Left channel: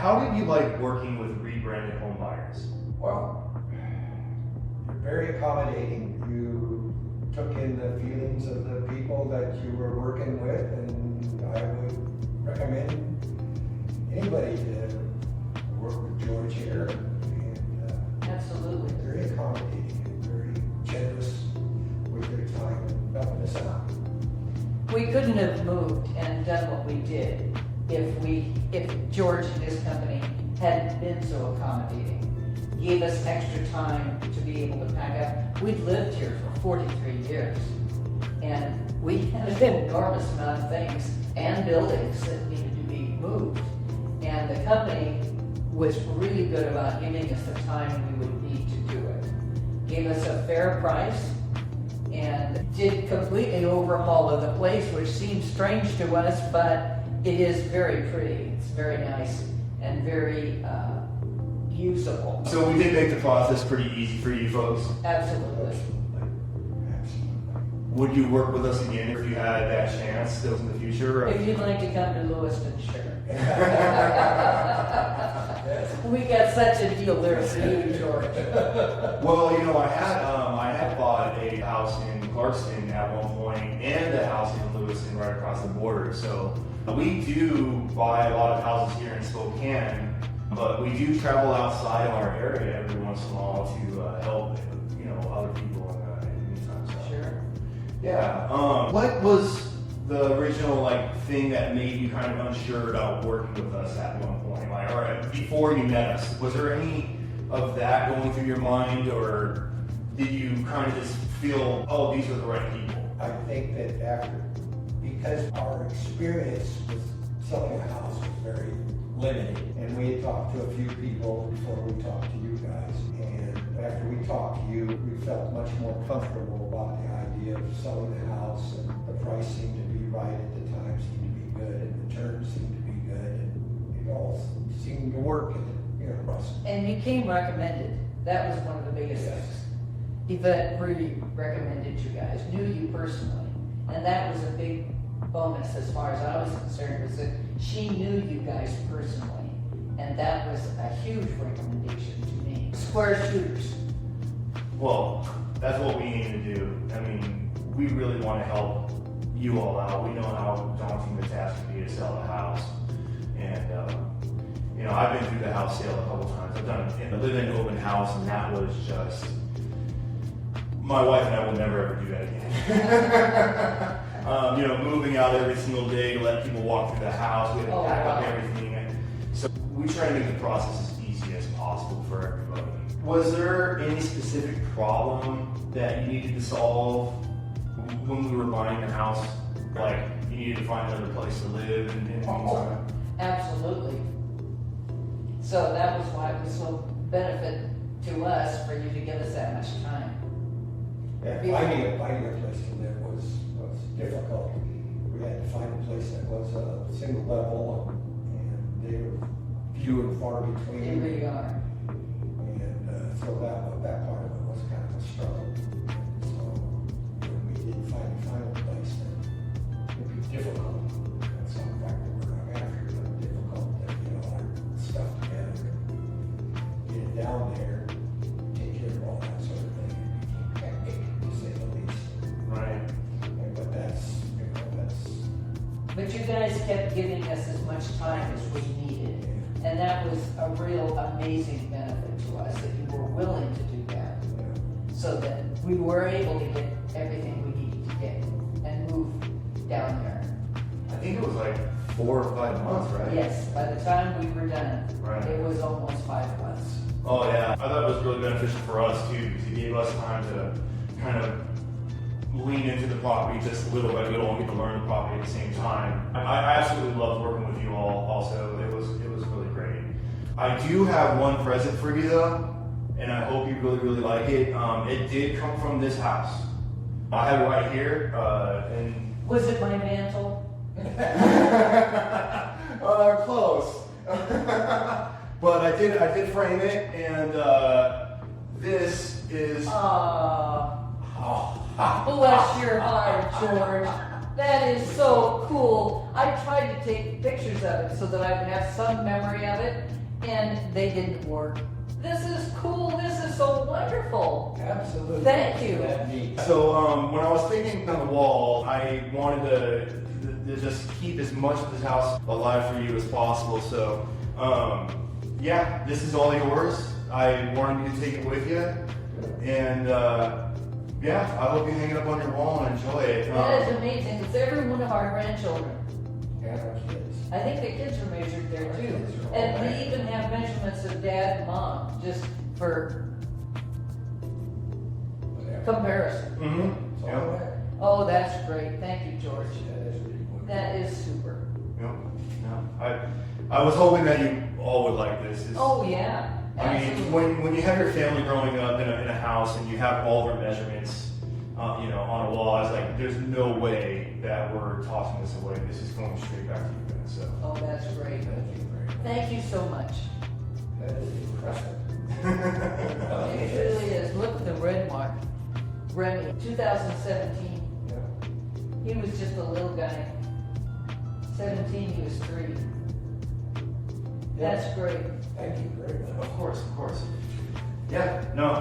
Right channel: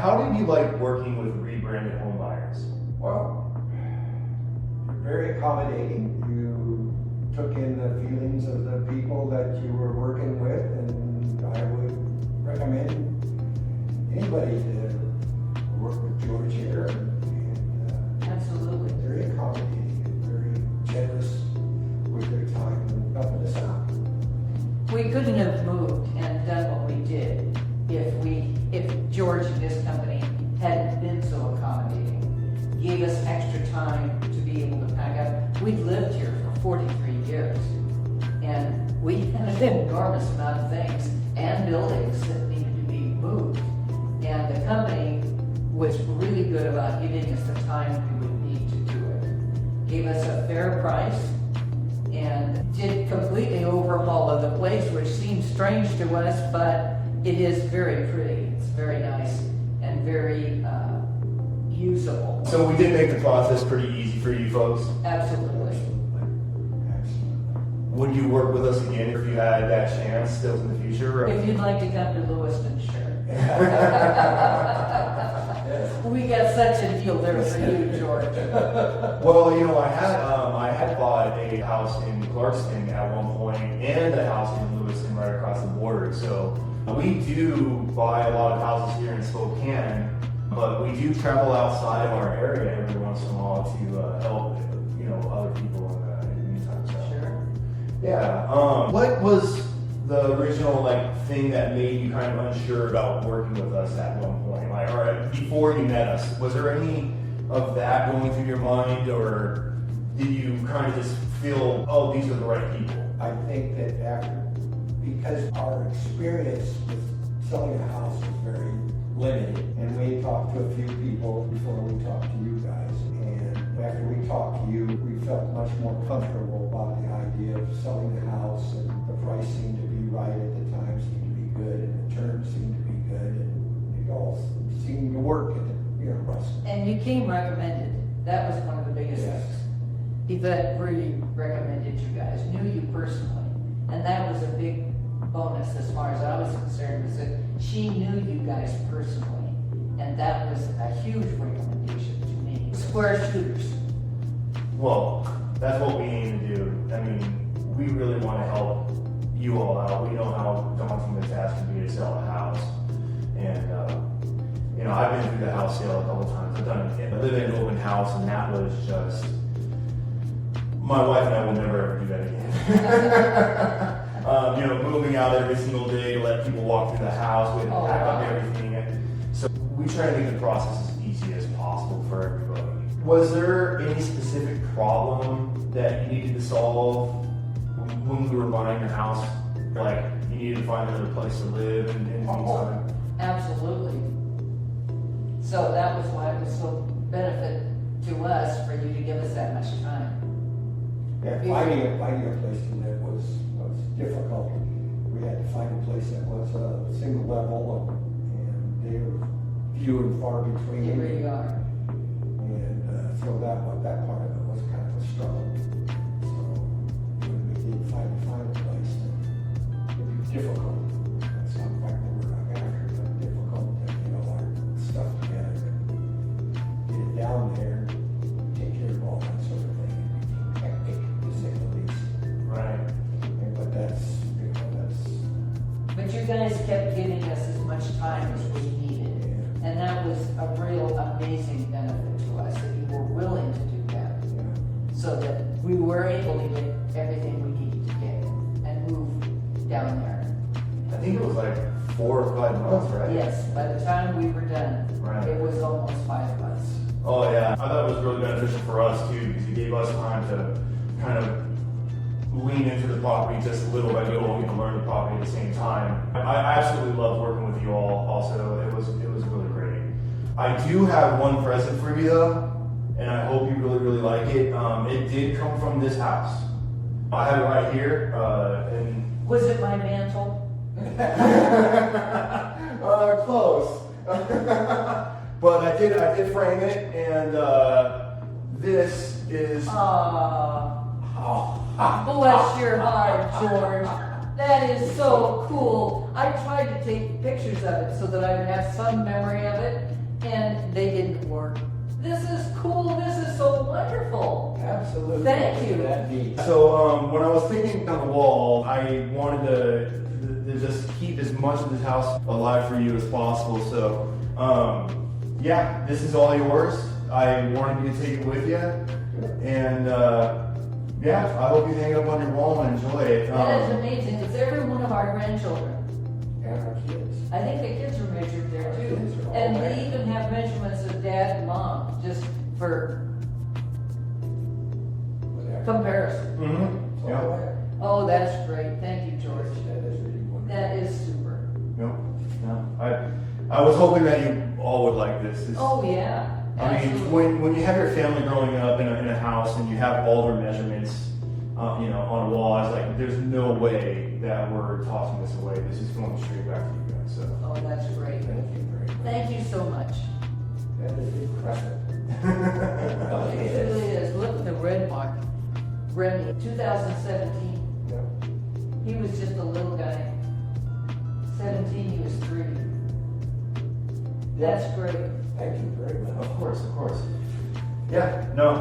How did you like working with rebranded home buyers? Well, you're very accommodating. You took in the feelings of the people that you were working with, and I would recommend anybody to work with George here. And Absolutely. very accommodating and very generous with your time and helping us out. We couldn't have moved and done what we did if George and his company hadn't been so accommodating. Gave us extra time to be able to pack up. We've lived here for 43 years, and we had an enormous amount of things and buildings that needed to be moved. And the company was really good about giving us the time we would need to do it. Gave us a fair price and did completely overhaul of the place, which seems strange to us, but it is very pretty. It's very nice and very usable. So we did make the process pretty easy for you folks. Absolutely. Absolutely. Would you work with us again if you had that chance still in the future? If you'd like to come to Lewiston, sure. We got such a deal there for you, George. Well, you know, I had bought a house in Clarkston at one point and a house in Lewiston right across the border. So we do buy a lot of houses here in Spokane, but we do travel outside of our area every once in a while to help, you know, other people in the meantime. So. Sure. Yeah. What was the original thing that made you kind of unsure about working with us at one point? Or before you met us, was there any of that going through your mind, or did you kind of just feel, oh, these are the right people? I think that because our experience with selling a house was very limited, and we had talked to a few people before we talked to you guys, and after we talked to you, we felt much more comfortable about the idea of selling the house, and the price seemed to be right at the time, seemed to be good, and the terms seemed to be good, and it all seemed to work, and And you came recommended. That was one of the biggest Yes. things. Yvette really recommended you guys, knew you personally. And that was a big bonus as far as I was concerned, was that she knew you guys personally. And that was a huge recommendation to me. Square shooters. Well, that's what we aim to do. I mean, we really want to help you all out. We know how daunting the task can be to sell a house. And, you know, I've been through the house sale a couple times. I've done a living open house, and that was just, my wife and I will never ever do that again. You know, moving out every single day to let people walk through the house, we had to pack up everything. So we try to make the process as easy as possible for everybody. Was there any specific problem that you needed to solve when you were buying a house? Like, you needed to find another place to live and things like that? Absolutely. So that was why it was so benefit to us for you to give us that much time. Yeah, finding a place to live was difficult. We had to find a place that was a single level, and they were few and far between. Here you are. And so that part of it was kind of a struggle. So when we did finally find a place, it would be difficult. That's not exactly what I'm after, but difficult to get all our stuff together, get it down there, take care of all that sort of thing. To say the least. Right. But that's. But you guys kept giving us as much time as we needed. And that was a real amazing benefit to us, that you were willing to do that. So that we were able to get everything we needed to get and move down there. I think it was like 4 or 5 months, right? Yes, by the time we were done, Right. it was almost 5 months. Oh yeah, I thought it was really beneficial for us too, because it gave us time to kind of lean into the property just a little bit. We all get to learn the property at the same time. I absolutely loved working with you all. Also, it was really great. I do have one present for you though, and I hope you really like it. It did come from this house. I have it right here, and Was it my mantle? close. But I did frame it, and this is. Bless your heart, George. That is so cool. I tried to take pictures of it so that I would have some memory of it, they didn't work. This is cool, this is so wonderful. Absolutely. Thank you. That neat. So when I was thinking of the wall, I wanted to just keep as much of this house alive for you as possible. So yeah, this is all yours. I wanted you to take it with you, and yeah, I hope you hang it up on your wall and enjoy it. That is amazing, because every one of our grandchildren, And our kids. I think the kids are measured there too. Kids are all And right. we even have measurements of dad and mom, just for Whatever. comparison. Mhm. It's all Yeah. right. Oh, that's great, thank you, George. That is really wonderful. That is super. Nope. No. I was hoping that you all would like this. It's- Oh, yeah, I mean, absolutely. when you have your family growing up in a house and you have all their measurements, you know, on a wall, I was like, there's no way that we're tossing this away. This is going straight back to you guys. So. Oh, that's great. Thank you very much. Thank you so much. That is impressive. It really is. Look at the red mark. Remy, 2017. Yeah. He was just a little guy. 17, he was 3. That's great. Thank you very much. Of course, of course. Yeah, no,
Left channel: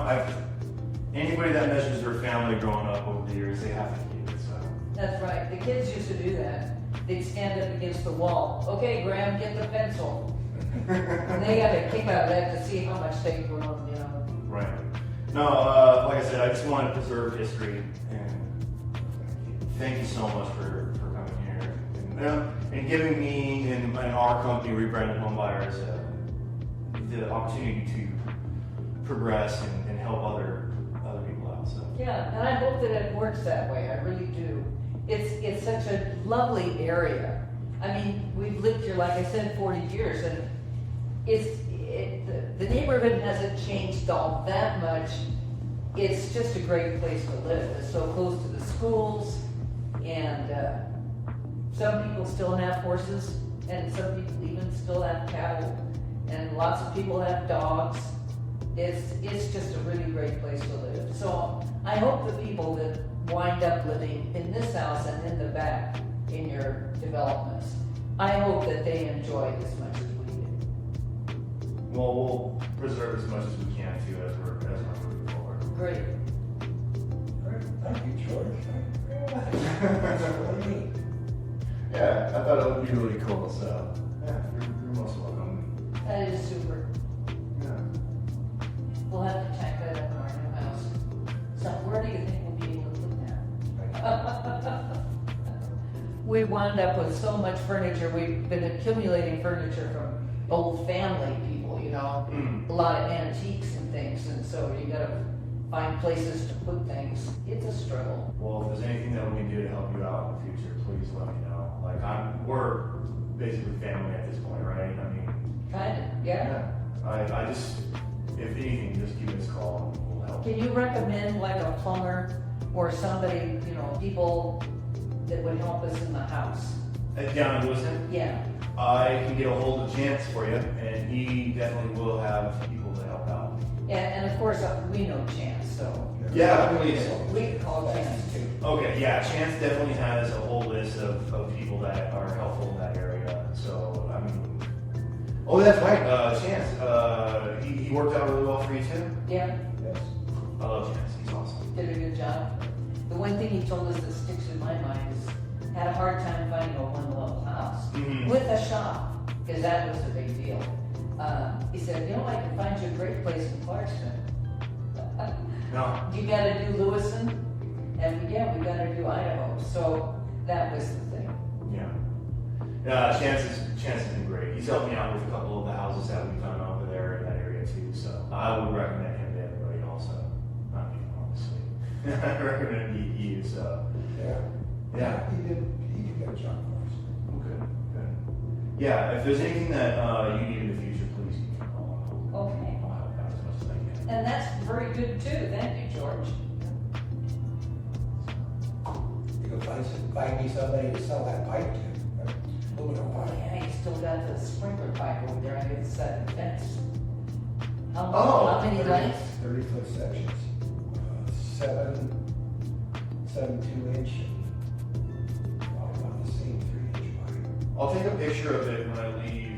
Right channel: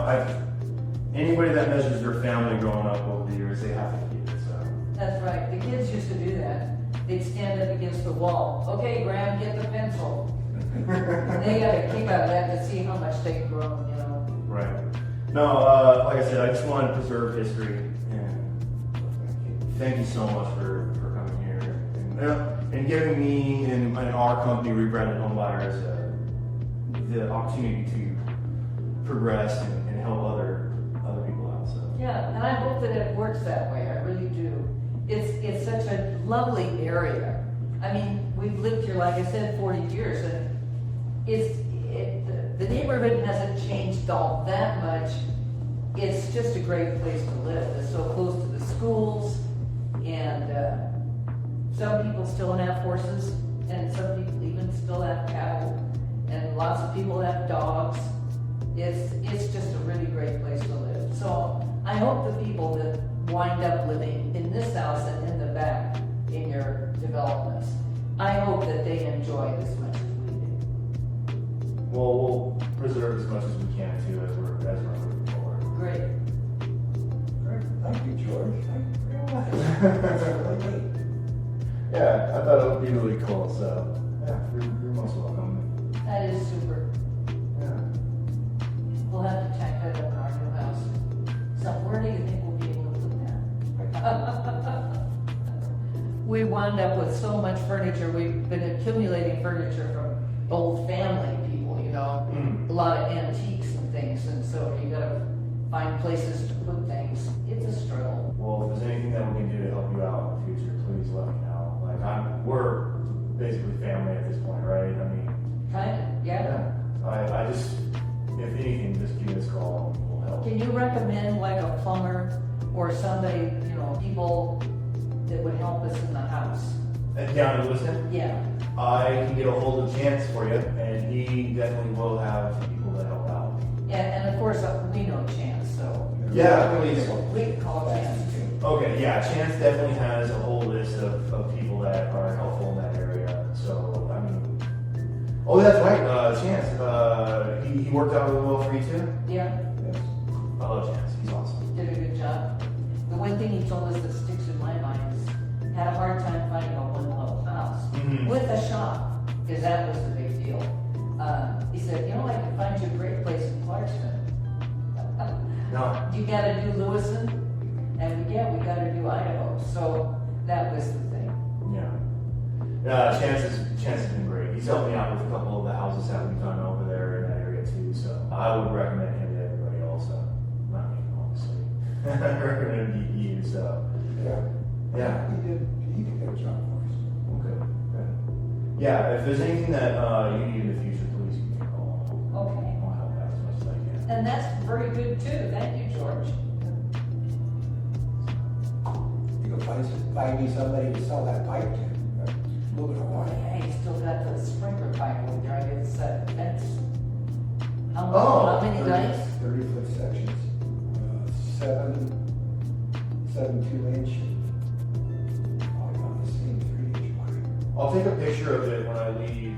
anybody that measures their family growing up over the years, they have to keep it. So. That's right. The kids used to do that. They'd stand up against the wall. Okay, Graham, get the pencil. And they got a kick out of that to see how much they'd grown, you know. Right. No, like I said, I just want to preserve history, and thank you so much for coming here and giving me and our company, Rebranded Home Buyers, the opportunity to progress and help other people out. So. Yeah, and I hope that it works that way. I really do. It's such a lovely area. I mean, we've lived here, like I said, 40 years, and the neighborhood hasn't changed all that much. It's just a great place to live. It's so close to the schools, and some people still have horses, and some people even still have cattle, and lots of people have dogs. It's just a really great place to live. So I hope the people that wind up living in this house and in the back in your developments, I hope that they enjoy it as much as we do. Well, we'll preserve as much as we can too as we're moving forward. Great. Great. Thank you, George. Thank you very much. That's really neat. Yeah, I thought it would be really cool. So yeah, you're most welcome. That is super. Yeah. We'll have to tack that up in our new house. So where do you think we'll be able to put that? We wound up with so much furniture. We've been accumulating furniture from old family people, you know, Mm. a lot of antiques and things, and so you gotta find places to put things. It's a struggle. Well, if there's anything that we can do to help you out in the future, please let me know. Like we're basically family at this point, right? I mean, Kind of, yeah. I just, if anything, just give us a call. We'll help. Can you recommend like a plumber or somebody, you know, people that would help us in the house? Down in Lewiston, Yeah. I can get a hold of Chance for you, and he definitely will have people that help out. And of course, we know Chance, so Yeah, please. we can call Chance too. Okay, yeah, Chance definitely has a whole list of people that are helpful in that area. So, I mean, oh, that's right, Chance. He worked out really well for you too. Yeah, Yes. I love Chance. He's awesome. did a good job. The one thing he told us that sticks in my mind is had a hard time finding a one-level house Mhm. with a shop, because that was the big deal. He said, you know, I can find you a great place in Clarkston. No. You gotta do Lewiston, and yeah, we gotta do Idaho, so that was the thing. Yeah. Chance has been great. He's helped me out with a couple of the houses that we've done over there in that area too. So I would recommend him to everybody also. Not me, obviously. I recommend you. So Yeah. yeah. He did a good job for us. Okay. Good. Yeah. If there's anything that you need in the future, please give me a call. Okay. I'll help out as much as I can. And that's very good too, thank you, George. You can find me somebody to sell that pipe to. A little bit of Oh water. yeah, you still got the sprinkler pipe over there on the other side of the fence. Oh, How many guys? 30-foot sections. 7 2-inch. About the same 3-inch pipe. I'll take a picture of it when I leave